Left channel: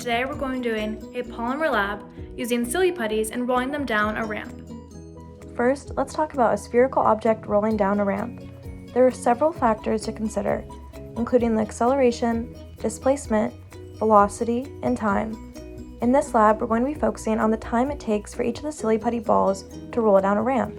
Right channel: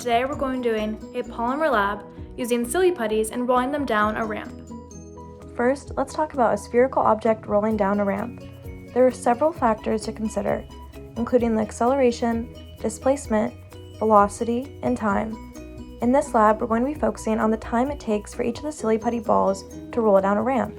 today we're going to be doing a polymer lab using silly putties and rolling them down a ramp. First, let's talk about a spherical object rolling down a ramp. There are several factors to consider, including the acceleration, displacement, velocity, and time. In this lab, we're going to be focusing on the time it takes for each of the silly putty balls to roll down a ramp.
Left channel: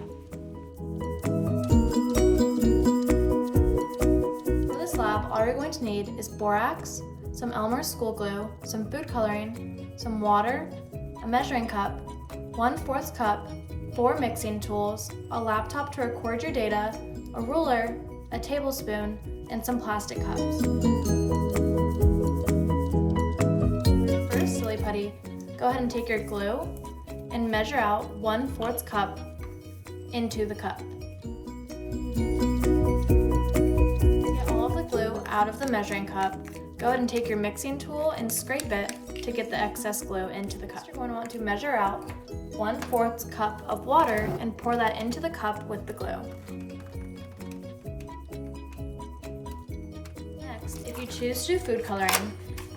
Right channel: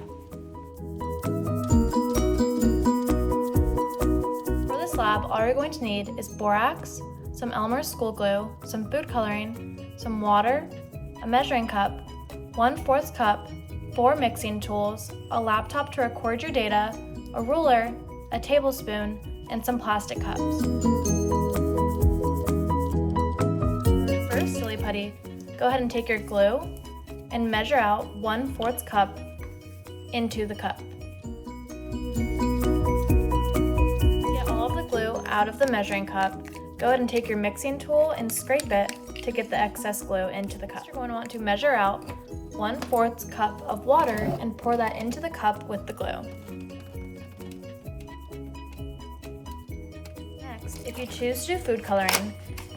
For this lab, all you're going to need is borax, some Elmer's school glue, some food coloring, some water, a measuring cup, 1/4 cup, 4 mixing tools, a laptop to record your data, a ruler, a tablespoon, and some plastic cups. For the first silly putty, go ahead and take your glue and measure out 1/4 cup into the cup. Get all of the glue out of the measuring cup. Go ahead and take your mixing tool and scrape it to get the excess glue into the cup. You're going to want to measure out 1/4 cup of water and pour that into the cup with the glue. Next, if you choose to do food coloring,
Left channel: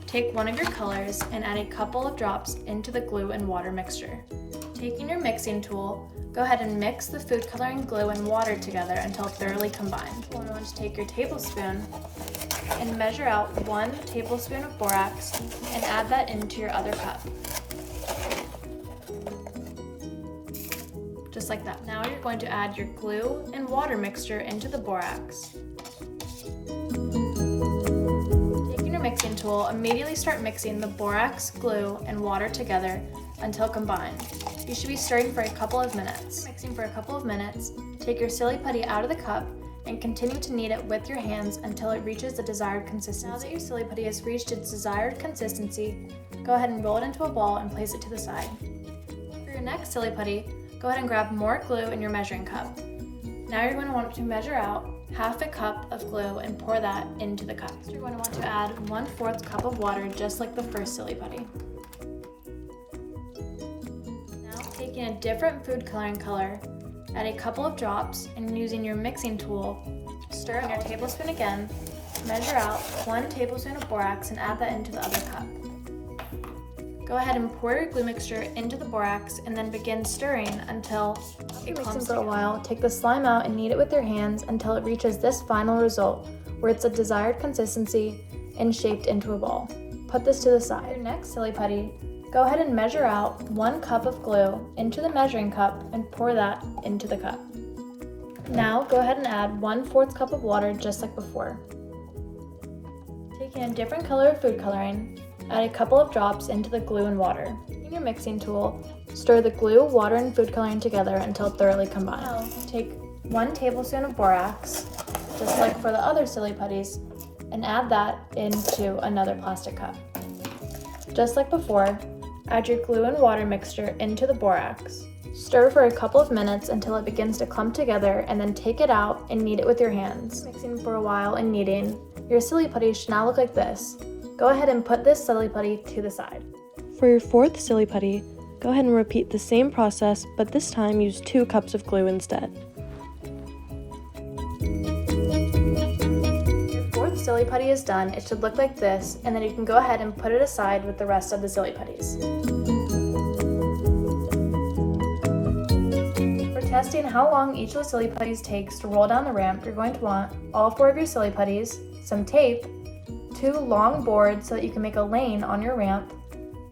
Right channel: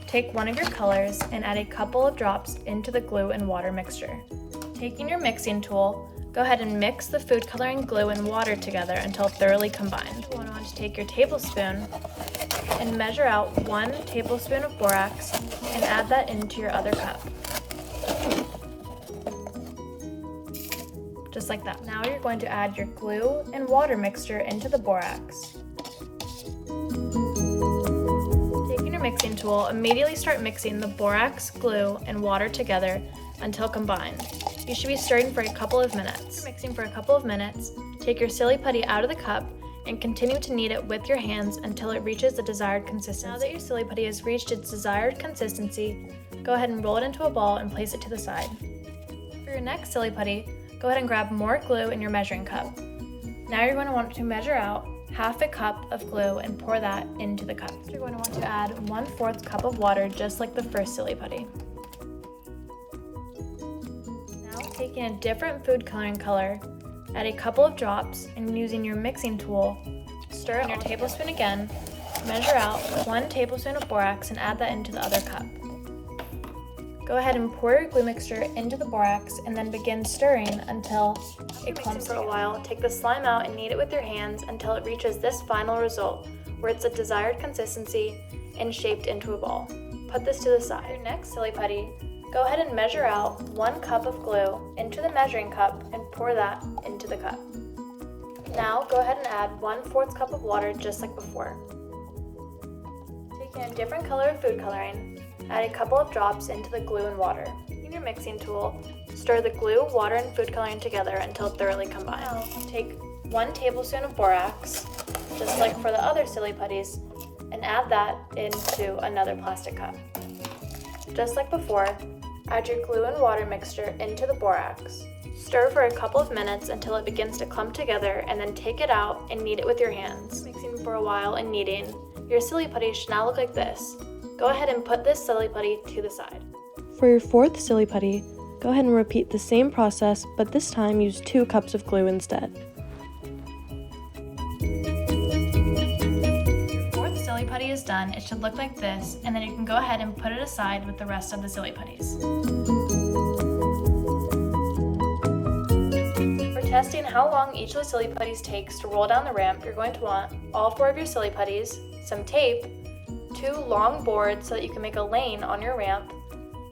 take one of your colors and add a couple of drops into the glue and water mixture. Taking your mixing tool, go ahead and mix the food coloring glue and water together until thoroughly combined. You're going to take your tablespoon and measure out 1 tablespoon of borax and add that into your other cup. Just like that. Now you're going to add your glue and water mixture into the borax. Taking your mixing tool, immediately start mixing the borax, glue, and water together until combined. You should be stirring for a couple of minutes. Mixing for a couple of minutes, take your silly putty out of the cup and continue to knead it with your hands until it reaches the desired consistency. Now that your silly putty has reached its desired consistency, go ahead and roll it into a ball and place it to the side. For your next silly putty, go ahead and grab more glue in your measuring cup. Now you're going to want to measure out 1/2 cup of glue and pour that into the cup. You're going to want to add 1/4 cup of water just like the first silly putty. Now taking a different food coloring color, add a couple of drops and using your mixing tool, stir in your tablespoon again, measure out 1 tablespoon of borax and add that into the other cup. Go ahead and pour your glue mixture into the borax and then begin stirring until it clumps for a while. Take the slime out and knead it with your hands until it reaches this final result, where it's a desired consistency and shaped into a ball. Put this to the side. For your next silly putty, go ahead and measure out 1 cup of glue into the measuring cup and pour that into the cup. Now go ahead and add 1/4 cup of water just like before. Taking a different color of food coloring, add a couple of drops into the glue and water. Using your mixing tool, stir the glue, water, and food coloring together until thoroughly combined. Now, take 1 tablespoon of borax, just like for the other silly putties, and add that into another plastic cup. Just like before, add your glue and water mixture into the borax. Stir for a couple of minutes until it begins to clump together and then take it out and knead it with your hands. Mixing for a while and kneading, your silly putty should now look like this. Go ahead and put this silly putty to the side. For your 4th silly putty, go ahead and repeat the same process, but this time use 2 cups of glue instead. Your 4th silly putty is done. It should look like this, and then you can go ahead and put it aside with the rest of the silly putties. For testing how long each of the silly putties takes to roll down the ramp, you're going to want all 4 of your silly putties, some tape, 2 long boards so that you can make a lane on your ramp,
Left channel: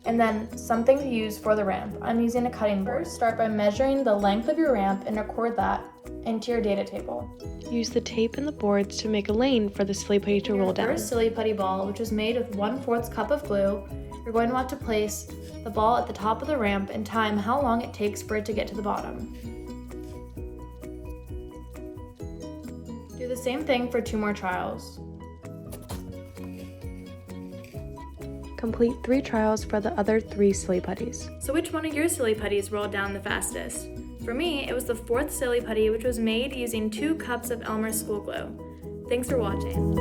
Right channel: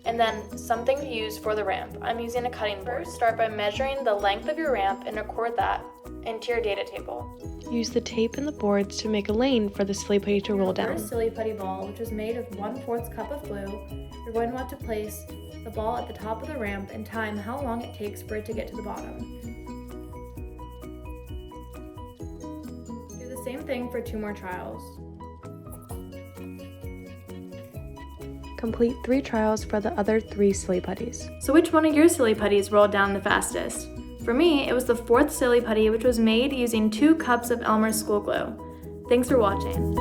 and then something to use for the ramp. I'm using a cutting board. Start by measuring the length of your ramp and record that into your data table. Use the tape and the boards to make a lane for the silly putty to roll down. First silly putty ball, which was made with 1/4 cup of glue, you're going to want to place the ball at the top of the ramp and time how long it takes for it to get to the bottom. Do the same thing for 2 more trials. Complete 3 trials for the other 3 silly putties. So which one of your silly putties rolled down the fastest? For me, it was the 4th silly putty, which was made using 2 cups of Elmer's school glue. Thanks for watching.